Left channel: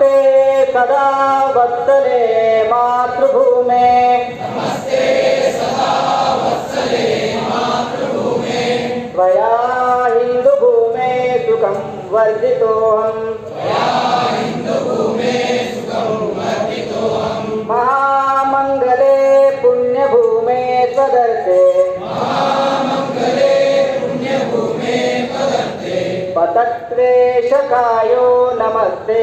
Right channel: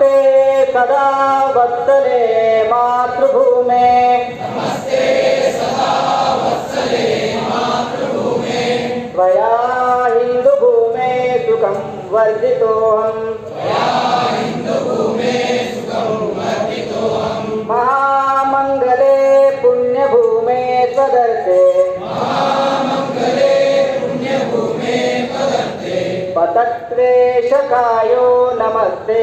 नमस्ते सदा वत्सले मातृभूमे नमस्ते सदा वत्सले मातृभूमे त्वया हिन्दुभूमे सुखं वर्धितोऽहम् महामङ्गले पुण्यभूमे त्वदर्थे पतत्वेशकायो नमस्ते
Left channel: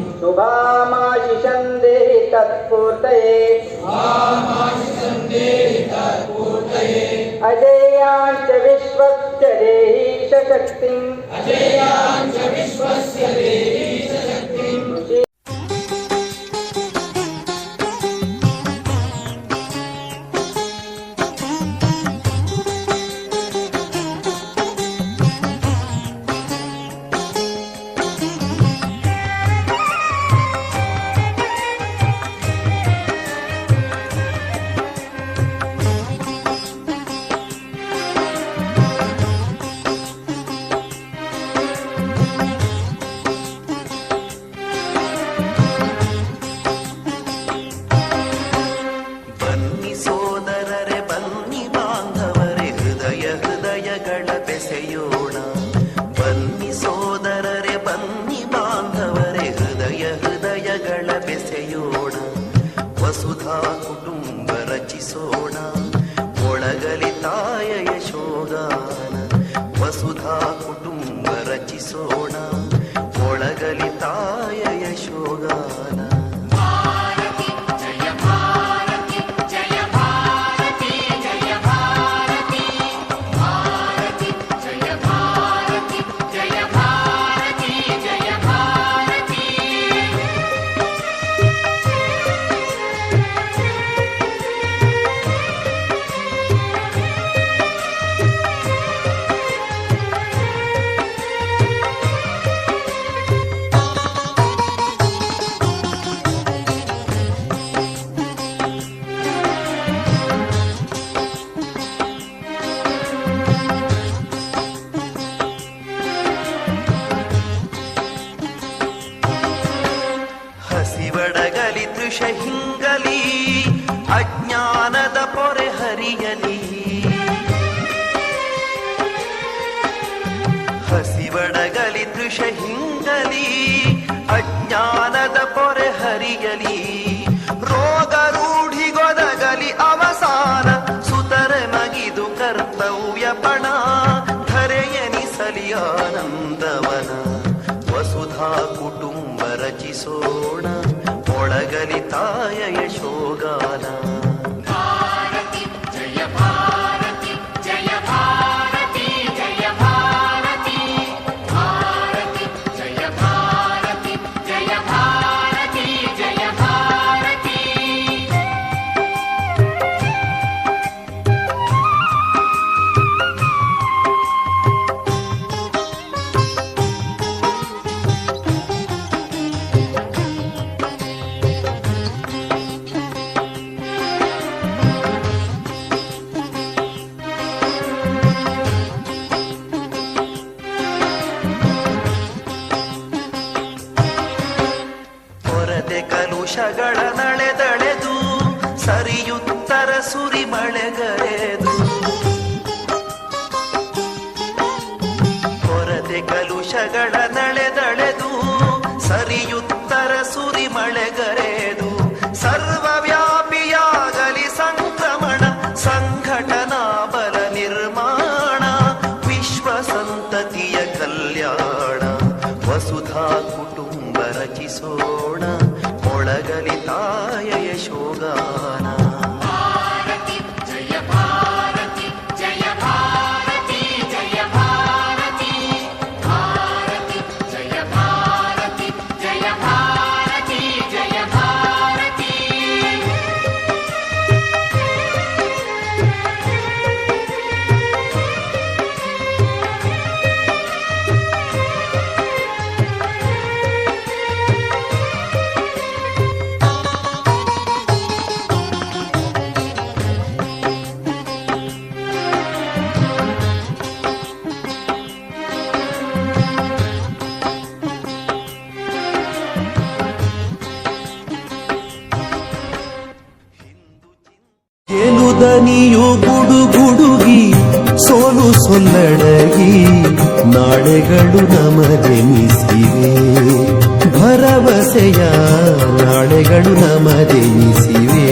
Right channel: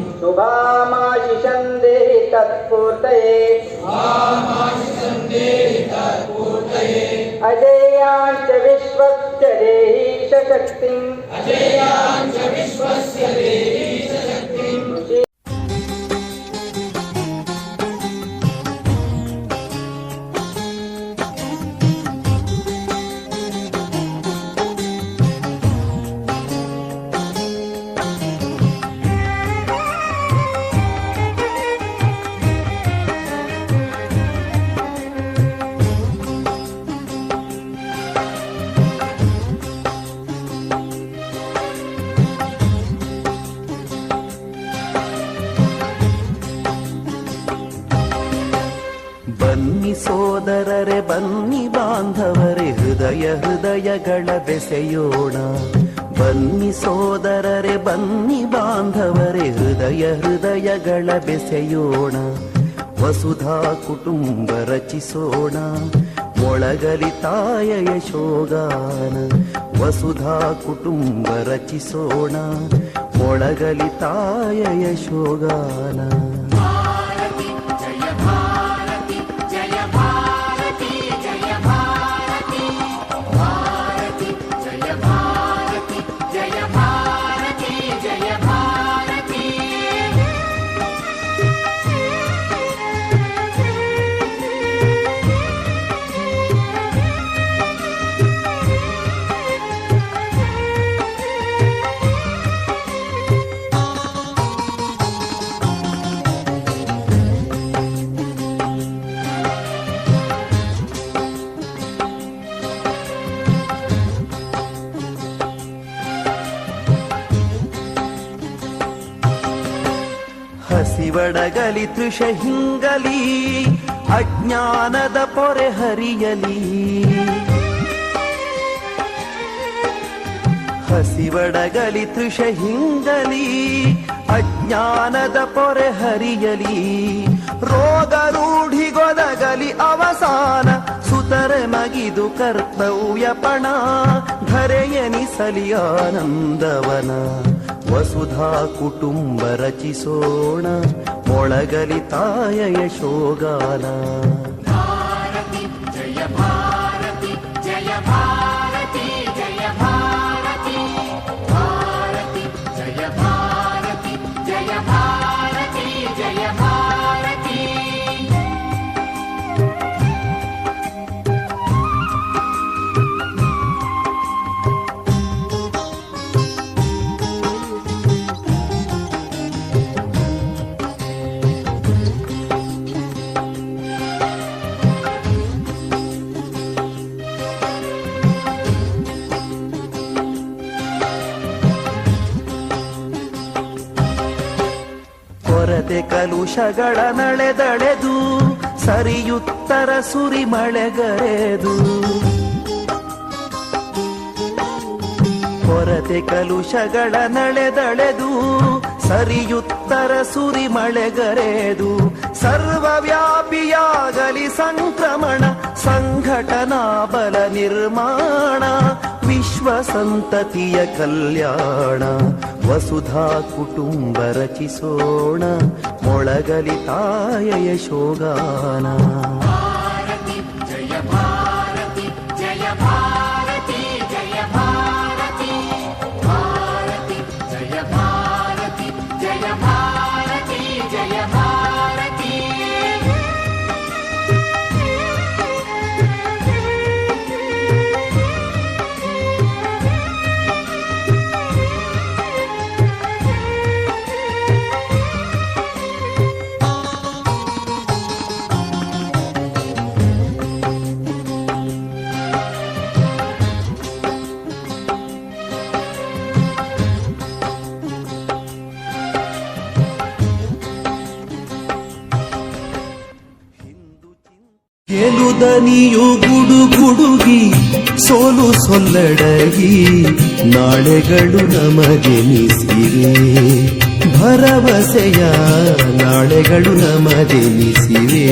शुभामायिषन्दे तत्पूर्तये अजेयाञ्च विश्वस्य देहि शक्तिम् अजेयाञ्च विश्वस्य देहि ಹೃದಯಗಳ ಬೆಸೆಯೋಣ ಬನ್ನಿ ಸೋದರರೆ ಬನ್ನಿ ಬಾಂಧವರೇ ಹೃದಯ ಹೃದಯಗಳ ಬೆಸೆಯೋಣ ವಸುಧಾ ಕುಟುಂಬ ರಚಿಸೋಣ ಒಳಗಲಿ ತಾಯ ಯಶೋಗಾನ ವಸುಧಾ ಕುಟುಂಬ ರಚಿಸೋಣ ಒಳಗಲಿ ತಾಯ ಯಶೋಗಾನ ಹಸಿವಡಗಲಿ ತೃಷ ಹಿಂಗಲಿ, ಅಜ್ಞಾನದ ಪೊರೆ ಹರಿಯಲಿ. ರೋಗ ರೂಢಿಗೊದಗಲಿ ಅವಸಾನ, ಸುತರೆ ಮಗಿದು ಕರ್ತವ್ಯ ಪಣ ಧರೆಯನಿಸಲಿ ಆನಂದವನ. ವಸುಧಾ ಕುಟುಂಬ ರಚಿಸೋಣ, ಒಳಗಲಿ ತಾಯ ಯಶೋಗಾನ ಕಲ್ಯಾಣ ವಸುಧಾ ಕುಟುಂಬ ರಚಿಸೋಣ ಮೊಳಗಲಿ ತಾಯ ಯಶೋಗಾನ ಗೆಲುದನಿಯು ಗುಡುಗುಡುಗಿ ಸೋಲು ಸೊಲ್ಲಡಗಿ ನಾಳೆಗಳು ನಮದೆನಿಸಿವೆ ಭರವಸೆಯ ನಾಳೆಗಳು ನಮದೆನಿಸಿವೆ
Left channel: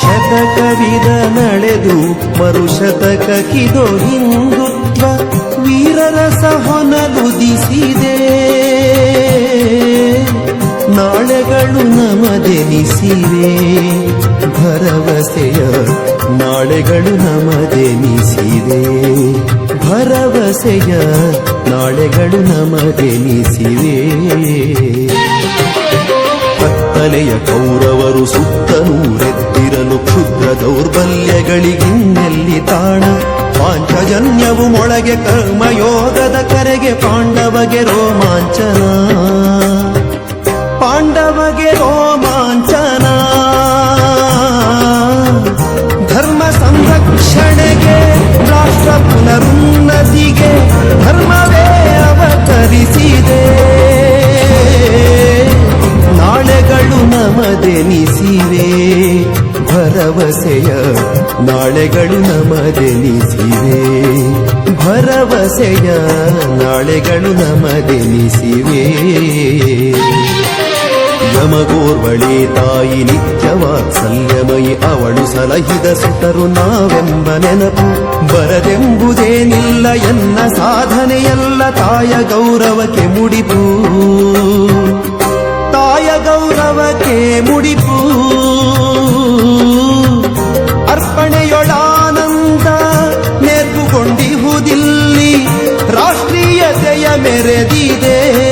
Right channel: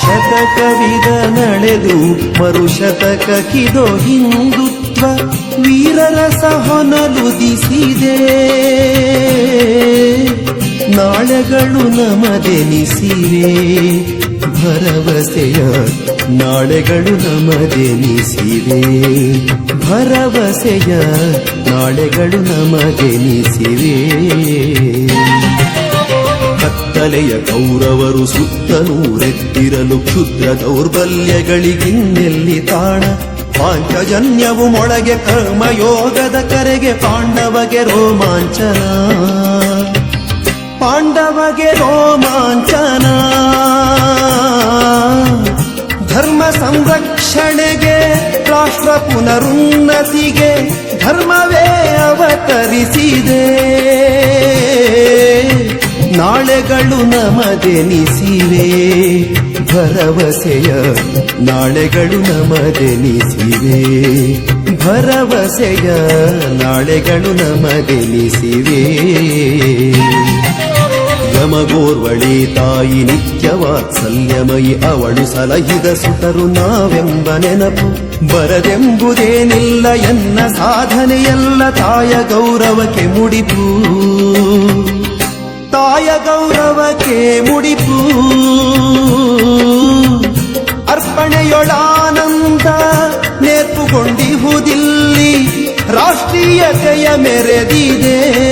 ಶತಕವಿದ ನಡೆದು ಮರುಶತಕ ಕಿದೋ ಹಿಂದುತ್ವ ವೀರರ ಹೊನಲುದಿಸಿದೆ ನಾಳೆಗಳು ನಮದೆನಿಸಿವೆ ಭರವಸೆಯ ನಾಳೆಗಳು ನಮದೆನಿಸಿವೆ ಭರವಸೆಯ ನಾಳೆಗಳು ನಮದೆನಿಸಿವೆ ಕತ್ತಲೆಯ ಕೌರವರು ಸುತ್ತನೂರೆತ್ತಿರಲು ಕ್ಷುದ್ರ ದೌರ್ಬಲ್ಯಗಳಿಗಿನ್ನೆಲ್ಲಿ ತಾಣ. ಪಾಂಚಜನ್ಯವು ಮೊಳಗೆ ಕರ್ಮಯೋಗದ ಕರೆಗೆ ಪಾಂಡವಗೆ ರೋಮಾಂಚನ. ಪಾಂಡವಗೆ ರೋಮಾಂಚನ. ಧರ್ಮ ಸಂರಕ್ಷಣೆಗೆ, ರಾಷ್ಟ್ರ ಪುನರುನ್ನತಿಗೆ, ಧರ್ಮವೇ ಅವತರಿಸಿದೆ. ನಾಳೆಗಳು ನಮದೆನಿಸಿವೆ, ಭರವಸೆಯ ನಾಳೆಗಳು ನಮದೆನಿಸಿವೆ, ಭರವಸೆಯ ನಾಳೆಗಳು ನಮದೆನಿಸಿವೆ. ಯಮಗೋರ್ವಳಿ ತಾಯಿ ನಿತ್ಯ ವಾತ್ಸಲ್ಯಮಯಿ ಅವಳು ಸಲಹಿದ ಸುತರು ನಾವೆಂಬ ನೆನಪು. ಬರದೆಂಬುದೇನಿಲ್ಲ ಎನ್ನ ಸಾಧನೆಯಲ್ಲ ತಾಯ ಗೌರವಕ್ಕೆ ಮುಡಿಪು. ತಾಯ ಗೌರವಕ್ಕೆ ಮುಡಿಪು. ಅರ್ಪಣೆಯೊಳಾನಂದ ನೇರ್ಪುಗೊಂಡಿಹುದಿಲ್ಲಿ ರಾಷ್ಟ್ರೀಯತೆಯ ಮೆರೆದಿದೆ.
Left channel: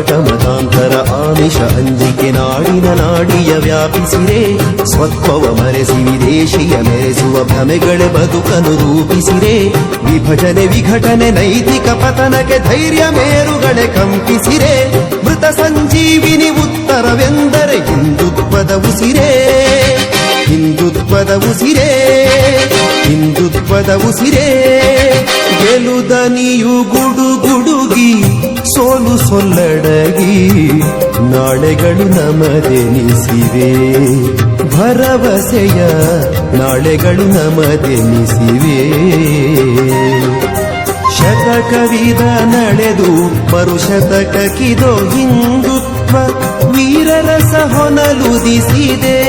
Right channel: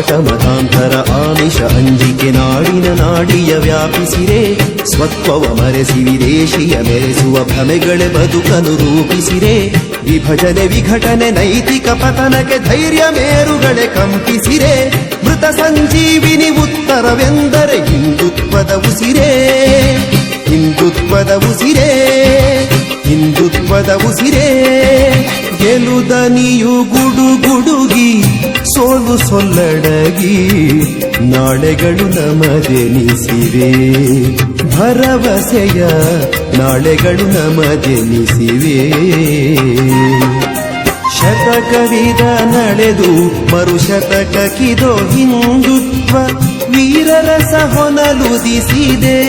ಕಪಟ ಮತಾಂತರ ಆಮಿಷ ಅಂಜಿಕೆ ನಾಡಿನ ನಾಡಿಯ ವ್ಯಾಪಿಸಿರೆ, ಸ್ವತ್ವವ ಮರೆಸಿ ವಿದೇಶಿಯ ಮೆರೆಸುವ ಭ್ರಮೆಗಳೇ ಬದುಕನು ರೂಪಿಸಿರೆ, ವಿಭಜನೆ ವಿಘಟನೆ ನೈತಿಕ ಪತನಕ್ಕೆ ಧೈರ್ಯ ಮೇರುಗಳೆ ಕಂಪಿಸಿರೆ, ಮೃತ ಸಂಜೀವಿನಿ ಉತ್ತರವೆಂದರೆ ಹಿಂದುತ್ವದ ಉಸಿರೆ ಹಿಂದುತ್ವದ ಉಸಿರೆ ಹಿಂದುತ್ವದ ಉಸಿರೆ, ಗೆಲುದನಿಯು ಗುಡುಗುಡುಗಿ ಸೋಲು ಸೊಲ್ಲಡಗಿ ನಾಳೆಗಳು ನಮದೆನಿಸಿವೆ. ಭರವಸೆಯ ನಾಳೆಗಳು ನಮದೆನಿಸಿವೆ. ಶತಕವಿದ ನಡೆದು ಮರುಶತಕಕ್ಕಿದೋ ಹಿಂದುತ್ವ ವೀರರ ಸಹೊನಲುದಿಸಿದೆ.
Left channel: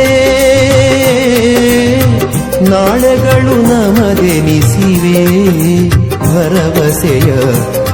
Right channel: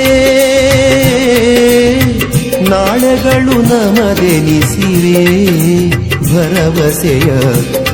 ನಾಳೆಗಳು ನಮದೆನಿಸಿವೆ. ಭರವಸೆಯ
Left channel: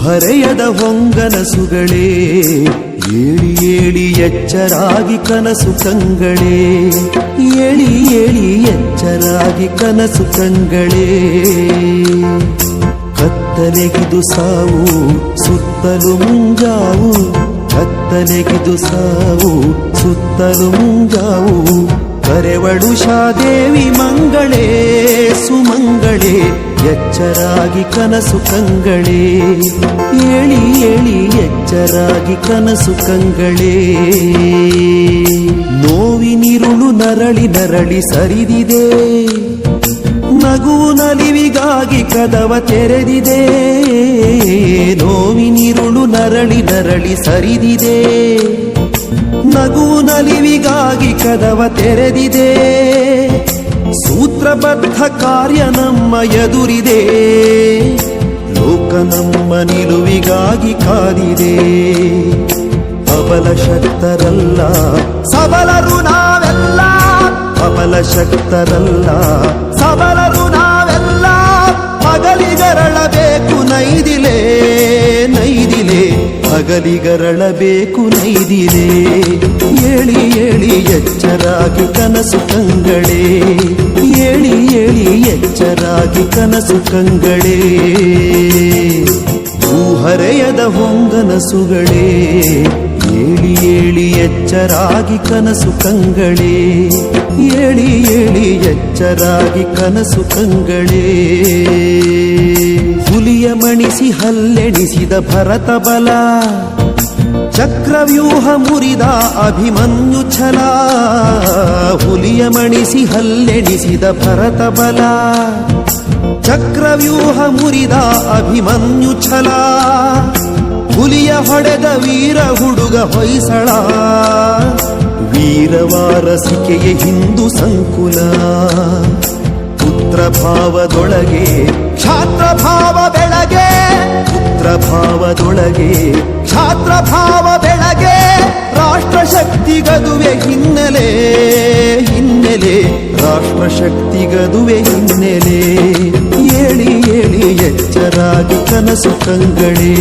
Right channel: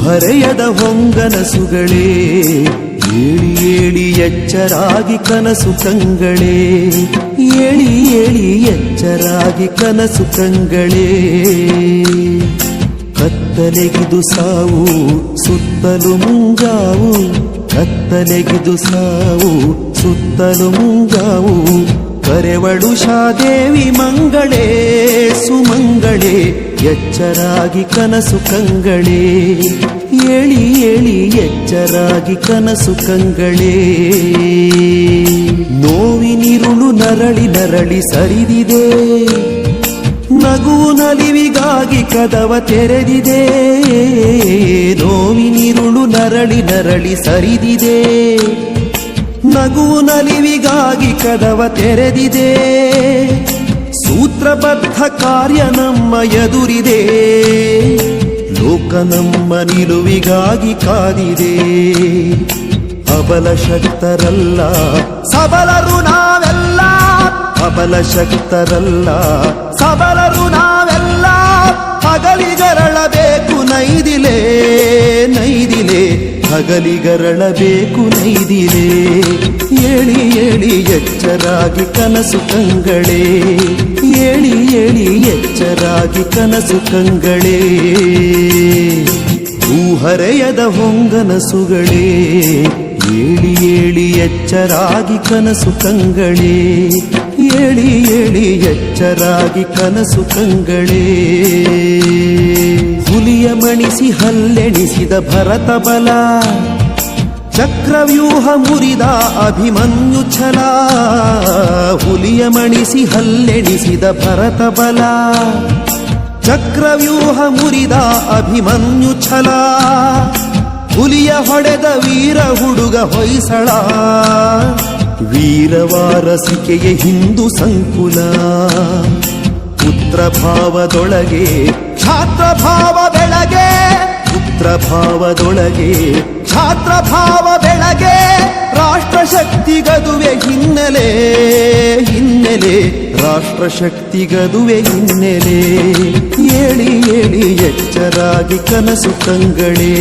ಹೂಹರೆಯದ ಹೊಂಗನಸುಗಳೇ, ಏಳಿ ಏಳಿ ಎಚ್ಚರಾಗಿ ಕನಸು ಕಂಗಳೇ, ಏಳಿ ಏಳಿ ಎಚ್ಚರಾಗಿ ಕನಸು ಕಂಗಳೇ. ಕತ್ತಲೆಗಿದು ಸಾವು, ಸುತ್ತಲು ಮುಂಜಾವು, ಕತ್ತಲೆಗಿದು ಸಾವು, ಸುತ್ತಲು ಮುಂಜಾವು ಕರೆವಳು ಶಾದೇವಿ ಮಂಗಳೇ, ಸುಮಂಗಳೇ, ಎಚ್ಚರಾಗಿ ಕನಸು ಕಂಗಳೇ. ಏಳಿ ಏಳಿ ಎಚ್ಚರಾಗಿ ಕನಸು ಕಂಗಳೇ. ನೋವಿನಿರುಳು ನರಳಿ ನರಳಿ ಸರಿದಿದೆ. ನಗು ನಲಿವಿಗಾಗಿ ಕದವ ತೆರೆದಿದೆ. ನೋವಿನಿರುಳು ನರಳಿ ನರಳಿ ಸರಿದಿದೆ. ನಗುವು ನಲಿವಿಗಾಗಿ ಕದವ ತೆರೆದಿದೆ. ಸೂತ್ರಬದ್ಧ ಕಾರ್ಯ ನಮ್ಮ ಎದುರಿದೆ. ಲೋಕ ನಮ್ಮ ನಿಲುವಿಗಾಗಿ ಕಾದಿದೆ. ಅಬಲ ಶಕ್ತರಲ್ಲ. ಸಬಲರು ನಾವೆಲ್ಲ. ಅಬಲ ಶಕ್ತರಲ್ಲ. ಸಬಲರು ನಾವೆಲ್ಲ. ಹಗಲಿಗರಳಬೇಕು ನೈದಿಲೆ ನೈದಿಲೆ. ಹಗಲಿಗರಳಬೇಕು ನೈದಿಲೆ. ಏಳಿ ಏಳಿ ಎಚ್ಚರಾಗಿ ಕನಸು ಕಂಗಳೇ. ಏಳಿ ಏಳಿ ಎಚ್ಚರಾಗಿ ಕನಸು ಕಂಗಳೇ. ಹೂಹರೆಯದ ಹೊಂಗನಸುಗಳೇ. ಏಳಿ ಏಳಿ ಎಚ್ಚರಾಗಿ ಕನಸು ಕಂಗಳೇ. ಏಳಿ ಏಳಿ ಎಚ್ಚರಾಗಿ ಕನಸು ಕಂಗಳೇ. ಹುಲಿಯ ಮಣಿಸಿ ಹಲ್ಲೆಣಿಸಿದ ಭರತ ಬಲ. ಚಕ್ರವ್ಯೂಹ ಮುರಿದ ಅಭಿಮನ್ಯು ಛಲ. ಹುಲಿಯ ಮಣಿಸಿ ಹಲ್ಲೆಣಿಸಿದ ಭರತ ಬಲ. ಚಕ್ರವ್ಯೂಹ ಮುರಿದ ಅಭಿಮನ್ಯು ಛಲ. ಹುಲಿಯ ಹೊಡೆದ ವೀರ ಹುಡುಗ ಹೊಯ್ಸಳ. ವೀರವಾರಸಿಕೆಯ ಹಿಂದೂ ಸಂಕುಲ. ಪುತ್ರ ಭಾವದೊಳಗೆ ಕ್ಷಾತ್ರ ಭಾವ ಬೆಳಗೆ ಪುತ್ರ ಭಾವದೊಳಗೆ ಛಾತ್ರ ಭಾವ ಬೆಳಗೆ ರಾಷ್ಟ್ರ ಶಕ್ತಿ ಗದುವೆ ಹಿನ್ನೆಲೆ ಹಿನ್ನೆಲೆ. ರಾಷ್ಟ್ರ ಶಕ್ತಿ ಗದುವೆ ಹಿನ್ನೆಲೆ. ಏಳಿ ಏಳಿ ಎಚ್ಚರಾಗಿ ಕನಸು ಕಂಗಳೇ.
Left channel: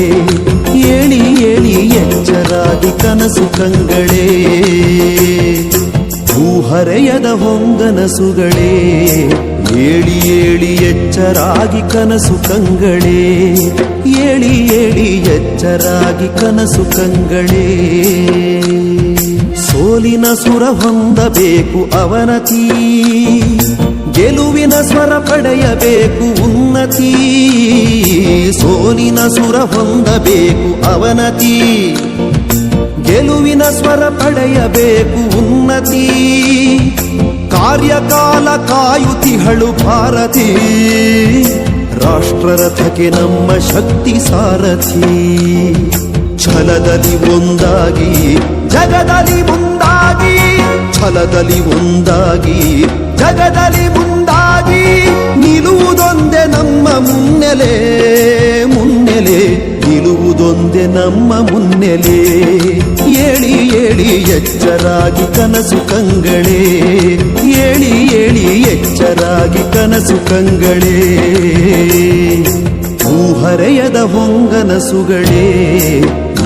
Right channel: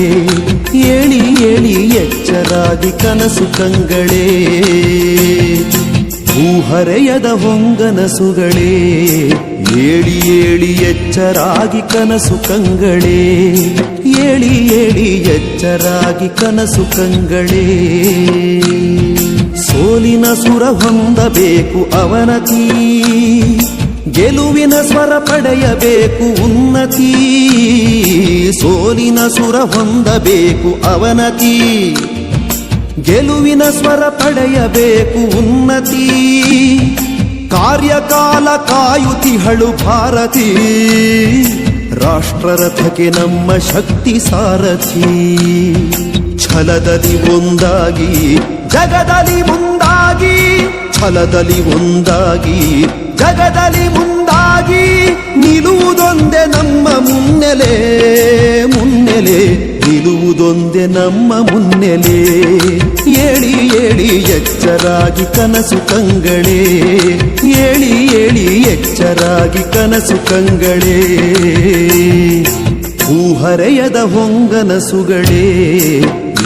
ಏಳಿ ಏಳಿ ಎಚ್ಚರಾಗಿ ಕನಸು ಕಂಗಳೇ. ಹೂಹರೆಯದ ಹೊಂಗನಸುಗಳೇ. ಏಳಿ ಏಳಿ ಎಚ್ಚರಾಗಿ ಕನಸು ಕಂಗಳೇ. ಏಳಿ ಏಳಿ ಎಚ್ಚರಾಗಿ ಕನಸು ಕಂಗಳೇ. ಸೋಲಿನ ಸುರ ಹೊಂದಬೇಕು ಅವನತಿ. ಗೆಲುವಿನ ಸ್ವರ ಪಡೆಯಬೇಕು ಉನ್ನತಿ. ಸೋಲಿನ ಸುರ ಹೊಂದಬೇಕು ಅವನತಿ. ಗೆಲುವಿನ ಸ್ವರ ಪಡೆಯಬೇಕು ಉನ್ನತಿ. ಕಾರ್ಯಕಾಲ ಕಾಯುತಿಹಳು ಭಾರತಿ. ರಾಷ್ಟ್ರರಥಕ್ಕೆ ನಮ್ಮ ಶಕ್ತಿ ಸಾರಥಿ. ಛಲದಲ್ಲಿ ಒಂದಾಗಿ, ಜಗದಲ್ಲಿ ಮುಂದಾಗಿ, ಛಲದಲ್ಲಿ ಒಂದಾಗಿ, ಜಗದಲ್ಲಿ ಮುಂದಾಗಿ. ನಿಲ್ಲುವುದೊಂದೇ ನಮ್ಮ ಮುನ್ನೆಲೆ ಮುನ್ನೆಲೆ. ನಿಲ್ಲುವುದೊಂದೇ ನಮ್ಮ ಮುನ್ನೆಲೆ. ಏಳಿ ಏಳಿ ಎಚ್ಚರಾಗಿ ಕನಸು ಕಂಗಳೇ. ಏಳಿ ಏಳಿ ಎಚ್ಚರಾಗಿ ಕನಸು ಕಂಗಳೇ. ಹೂಹರೆಯದ ಹೊಂಗನಸುಗಳೇ.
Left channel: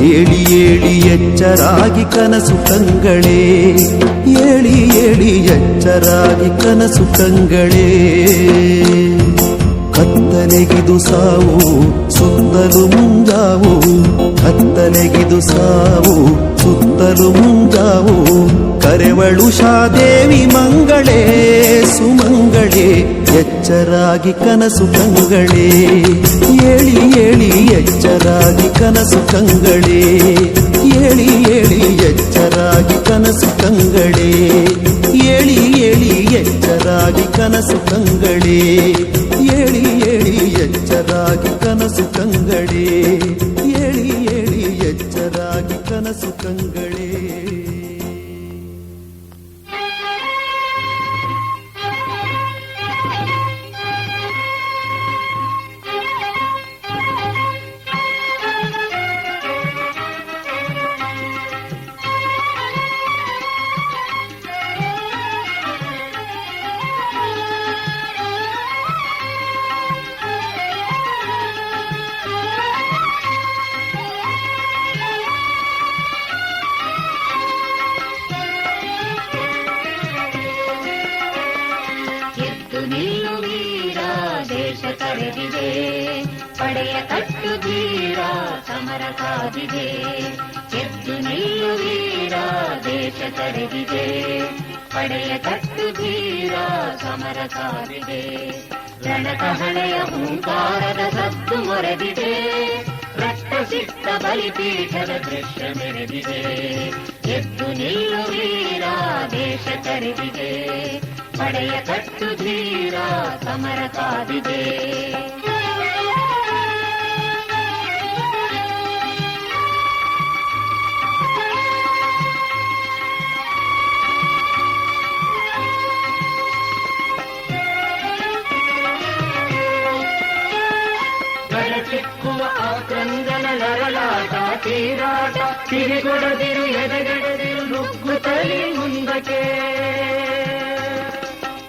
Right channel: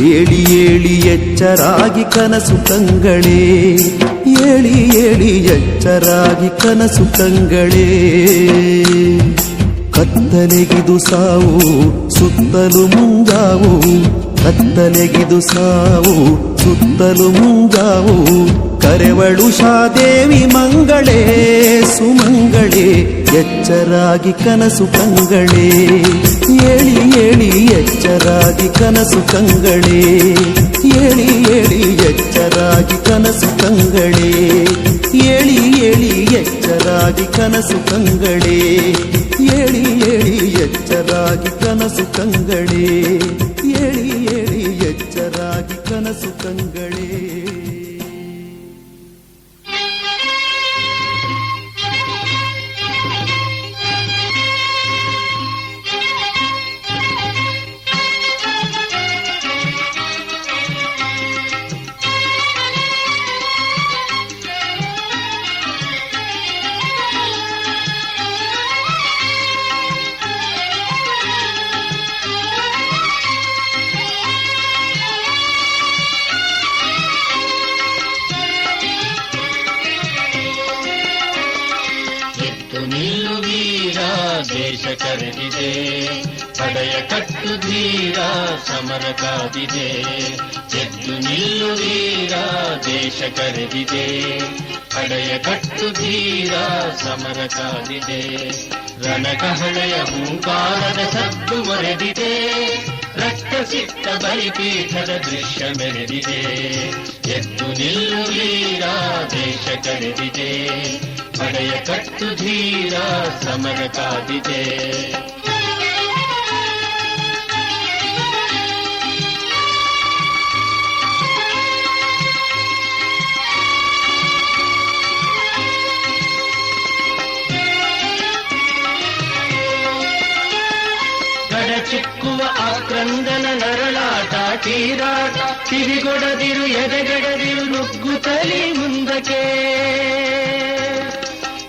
ಏಳಿ ಏಳಿ ಎಚ್ಚರಾಗಿ ಕನಸು ಕಂಗಳೇ. ಏಳಿ ಏಳಿ ಎಚ್ಚರಾಗಿ ಕನಸು ಕಂಗಳೇ. ಕತ್ತಲೆಗಿದು ಸಾವು, ಸುತ್ತಲು ಮುಂಜಾವು. ಕತ್ತಲೆಗಿದು ಸಾವು, ಸುತ್ತಲು ಮುಂಜಾವು. ಕರೆವಳು ಶಾದೇವಿ ಮಂಗಳೇ, ಸುಮಂಗಳೇ, ಎಚ್ಚರಾಗಿ ಕನಸು ಕಂಗಳೇ. ಏಳಿ ಏಳಿ ಎಚ್ಚರಾಗಿ ಕನಸು ಕಂಗಳೇ. ಏಳಿ ಏಳಿ ಎಚ್ಚರಾಗಿ ಕನಸು ಕಂಗಳೇ. ಏಳಿ ಏಳಿ ಎಚ್ಚರಾಗಿ ಕನಸು ಕಂಗಳೇ. ಏಳಿ ಏಳಿ ಎಚ್ಚರಾಗಿ ಕನಸು ಕಂಗಳೇ. ಏಳಿ ಏಳಿ ಎಚ್ಚರಾಗಿ ಕನಸು ಕಂಗಳೇ. ಸಮರ ಕಾದಿದೆ ಎದ್ದು ನಿಲ್ಲು ವೀರ, ದೇಶ ಕರೆದಿದೆ. ಪಡೆಯ ಕಟ್ಟು ಧೀರ, ಸಮರ ಕಾದಿದೆ. ರಣಕಹಳೆಯ ಹುಂಕಾರದ ಸದ್ದು ಮೊರೆದಿದೆ ರಕ್ತ ಸಿಕ್ತ ಬಲಿಪೀಠದ ದೃಶ್ಯ ಮೆರೆದಿದೆ. ಎದ್ದು ನಿಲ್ಲು ವೀರ, ದೇಶ ಕರೆದಿದೆ. ಪಡೆಯ ಕಟ್ಟು ಧೀರ, ಸಮರ ಕಾದಿದೆ. ಕಿವಿಗೊಡದಿರು ಎದೆಗಡದಿರು ನುಗ್ಗುತ್ತಲೇ ಮುಂದಕ್ಕೆ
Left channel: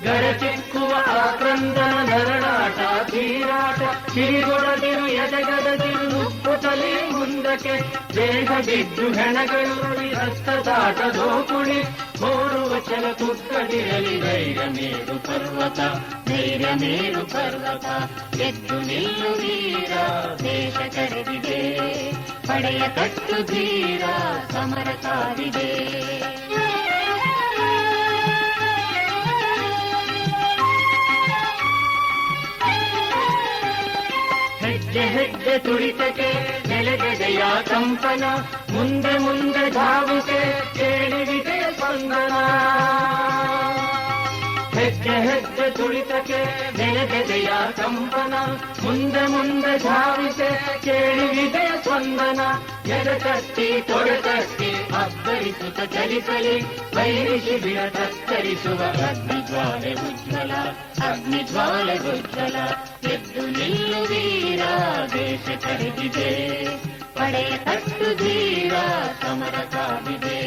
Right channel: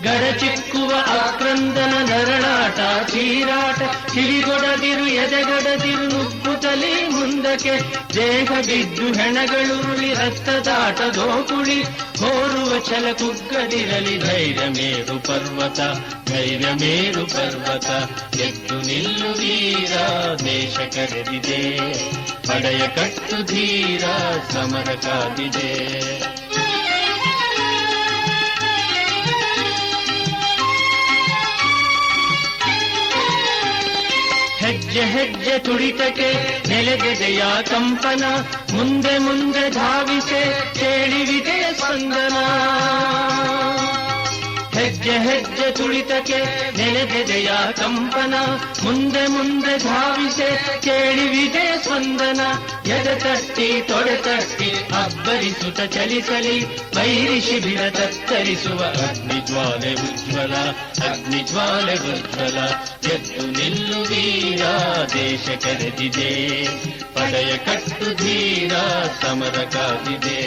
ಗಡಚಿಕ್ಕುವ ಆಕ್ರಂದನ ನರಳಾಟ ತೀರಾಟ ಕಿವಿಗೊಡದಿರು ಎದೆಗೊಡದಿರು ನುಗ್ಗುತ್ತಲೇ ಮುಂದಕ್ಕೆ ಮುಂದಕ್ಕೆ ದೇಹ ಬಿದ್ದು ಹೆಣಗಳು ರಕ್ತದಾಟ ದೋಕುಳಿ ಹೋರುವ ಛಲ ಕುಗ್ಗದಿರಲಿ ಧೈರ್ಯ ಮೇರು ಪರ್ವತ ಧೈರ್ಯ ಮೇರು ಪರ್ವತ, ಎದ್ದು ನಿಲ್ಲು ಧೀರ ದೇಶ ಕರೆದಿದೆ, ಪಡೆಯ ಕಟ್ಟು ಧೀರ, ಸಮರ ಕಾದಿದೆ. ಹೆಜ್ಜೆ ಹೆಜ್ಜೆ ತುಡಿತಕ್ಕೆ ಜಯ ಕಂಪನ. ಮುಂದೆ ಮುಂದೆ ಧಾವಿಸೆ ಕೇಳಿ ವಿಜಯ ಸ್ಪಂದನ. ಹೆಜ್ಜೆ ಹೆಜ್ಜೆ ತುಳಿತಕ್ಕೆ ಜಯ ಕಂಪನ. ಮುಂದೆ ಮುಂದೆ ಧಾವಿಸೆ ಕೇಳಿ ವಿಜಯ ಸ್ಪಂದನ. ಎದ ತಟ್ಟಿ, ತೊಡೆ ತಟ್ಟಿ ಅಬ್ಬರಿಸುತ್ತ ಚಲಿಸಲಿ. ವೈರಿ ಶಿಬಿರ ತತ್ತರಿಸುವ ಅಗ್ನಿಜ್ವಾಲೆ ಉಜ್ವಲ ಅಗ್ನಿಜ್ವಾಲೆ ಉಜ್ವಲ. ಎದ್ದು ನಿಲ್ಲು ವೀರ ದೇಶ ಕರೆದಿದೆ ಪಡೆಯ ಕಟ್ಟು ಧೀರ ಸಮರ ಕಾದಿದೆ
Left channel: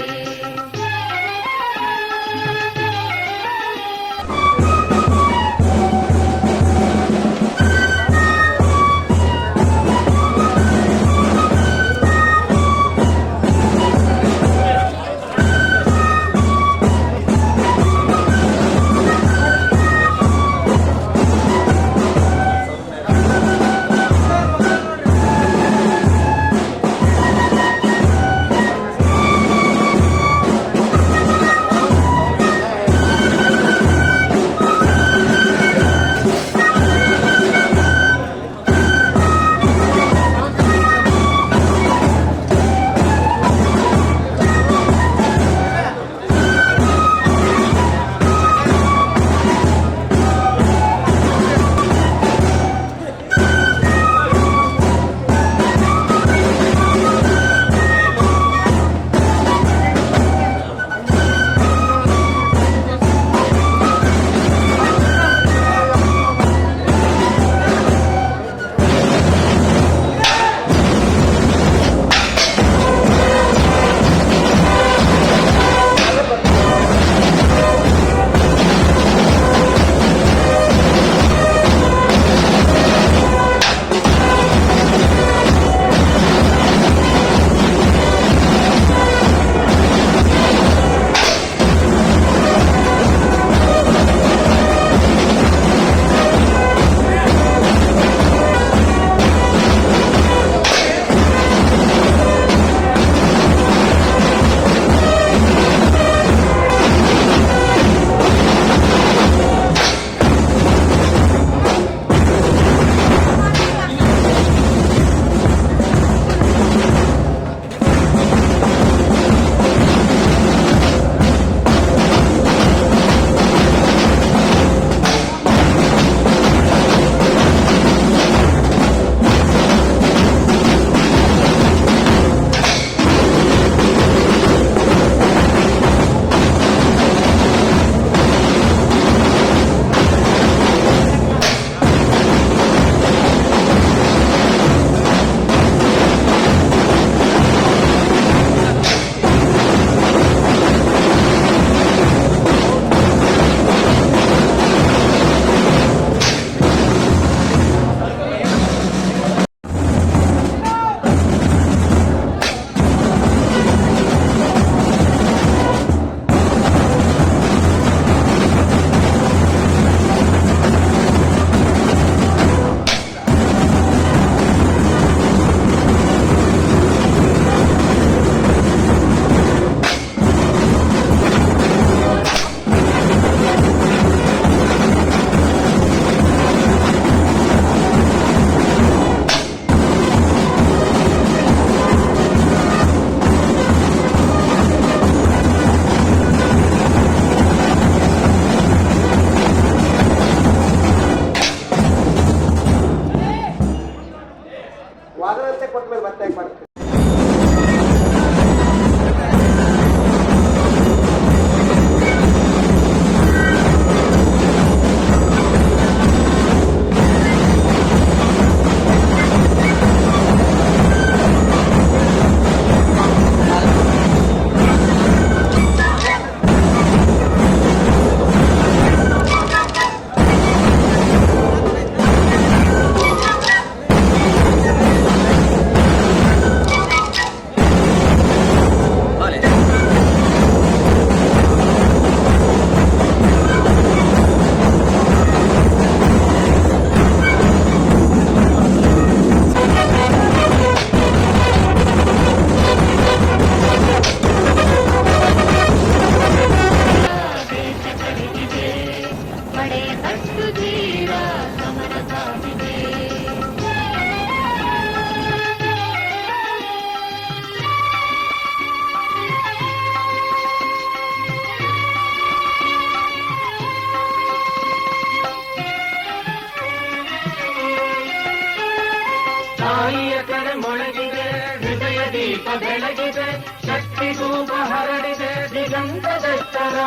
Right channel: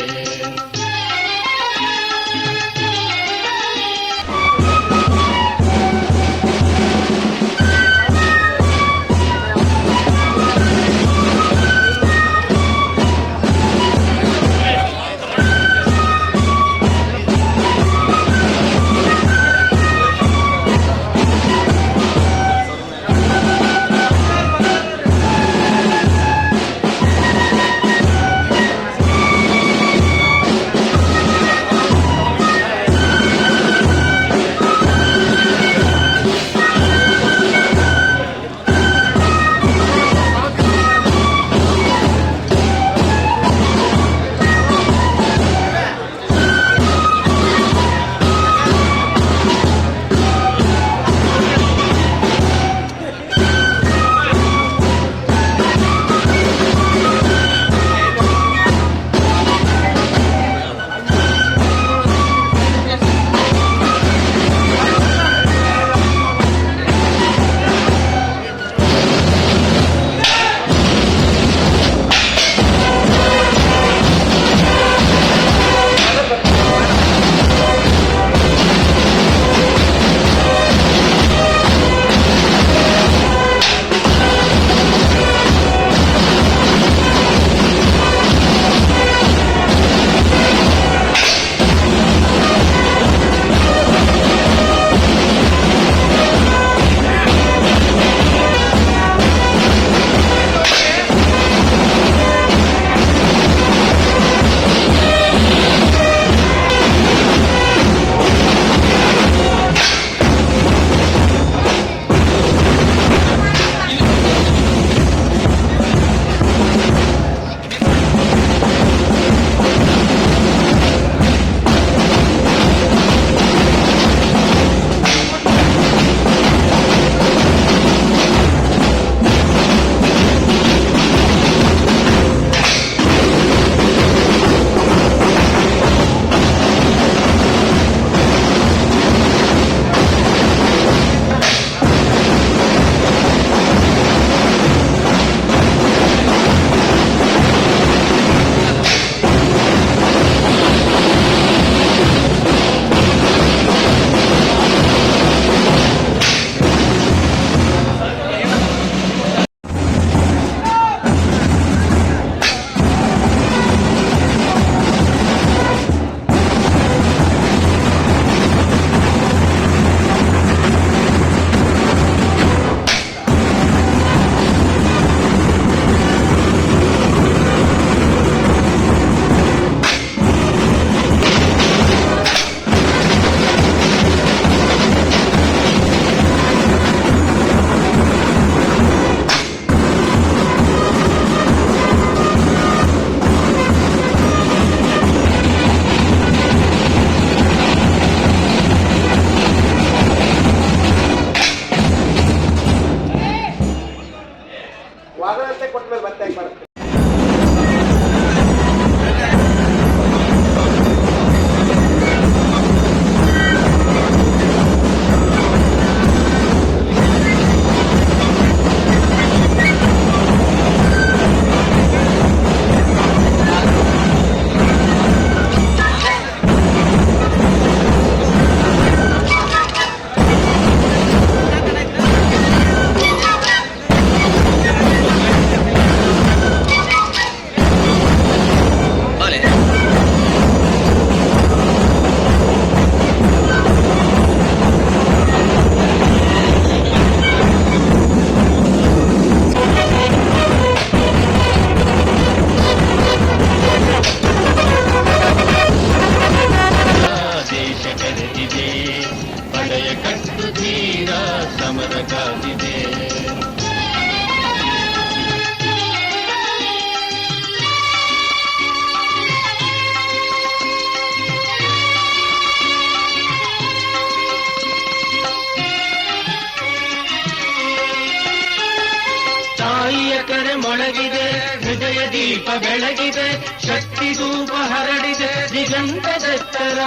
ಮೊಳಗಿದೆ ಉದಯ ದೀಪ ಬೆಳಗಿದೆ, ಶಕ್ತಿ ಧೂಪ ಹರಡಿದೆ ದಿಗಂತದೆತ್ತರ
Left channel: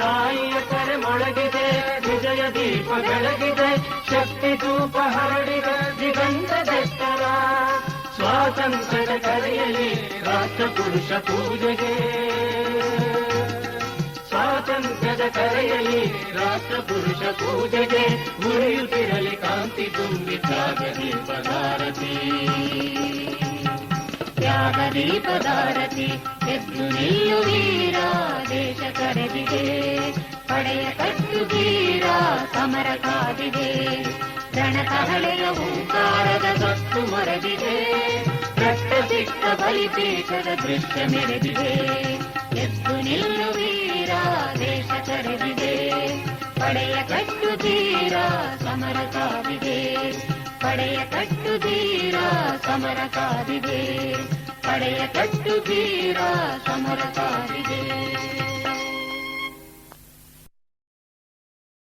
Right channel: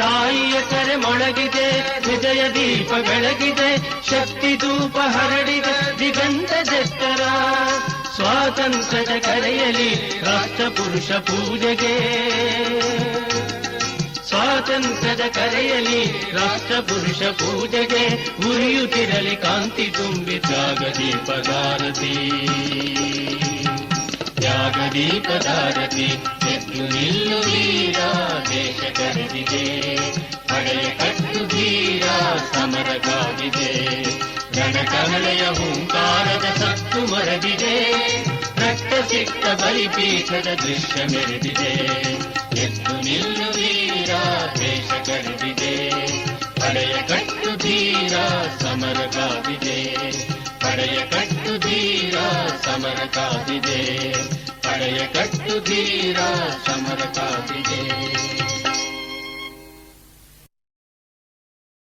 ತಾಯಿಯ ಕರೆ ಮೊಳಗಿದೆ, ಹೃದಯ ದೀಪ ಬೆಳಗಿದೆ, ಶಕ್ತಿ ಧೂಪ ಹರಡಿದೆ ದಿಗಂತದೆತ್ತರ ಸ್ವಾತಂತ್ರ್ಯದ ಕರೆಯಲಿ ರಾಷ್ಟ್ರ ಪುರುಷ ಪೂಜೆಗೆ ಸ್ವಾತಂತ್ರ್ಯದ ಕರೆಯಲಿ ರಾಷ್ಟ್ರ ಪುರುಷ ಪೂಜೆಗೆ ಉರಿಯುತ್ತಿರಲಿ ಕಾಂತಿ ತುಂಬಿ ತ್ಯಾಗದೀಪದಾರತಿ ತ್ಯಾಗದೀಪದಾರತಿ ಎದ್ದು ನೀಯ ವೀರ, ದೇಶ ಕರೆದಿದೆ. ಪಡೆಯ ಕಟ್ಟು ಧೀರ ಸಮರ ಕಾದಿದೆ. ರಣಕಮಲೆಯ ಹೂಂಕಾರದ ಸತ್ತು ಮರದಿದೆ. ರಕ್ತ ಸಿಕ್ಕ ಬಲಿಪೀಠದ ದೃಶ್ಯ ಮೆರೆದಿದೆ. ಎದ್ದು ನೀನು ಕರೆದಿದೆ ಪಡೆಯ ಕಟ್ಟು ತೀರ ಸಮರ ಕಾದಿದೆ ಪಡೆಯ ಕಟ್ಟು ತೀರ ಸಮರ ಕಾದಿದೆ ಪಡೆಯ ಕಟ್ಟು ತೀರ ಸಮರ ಕಾದಿದೆ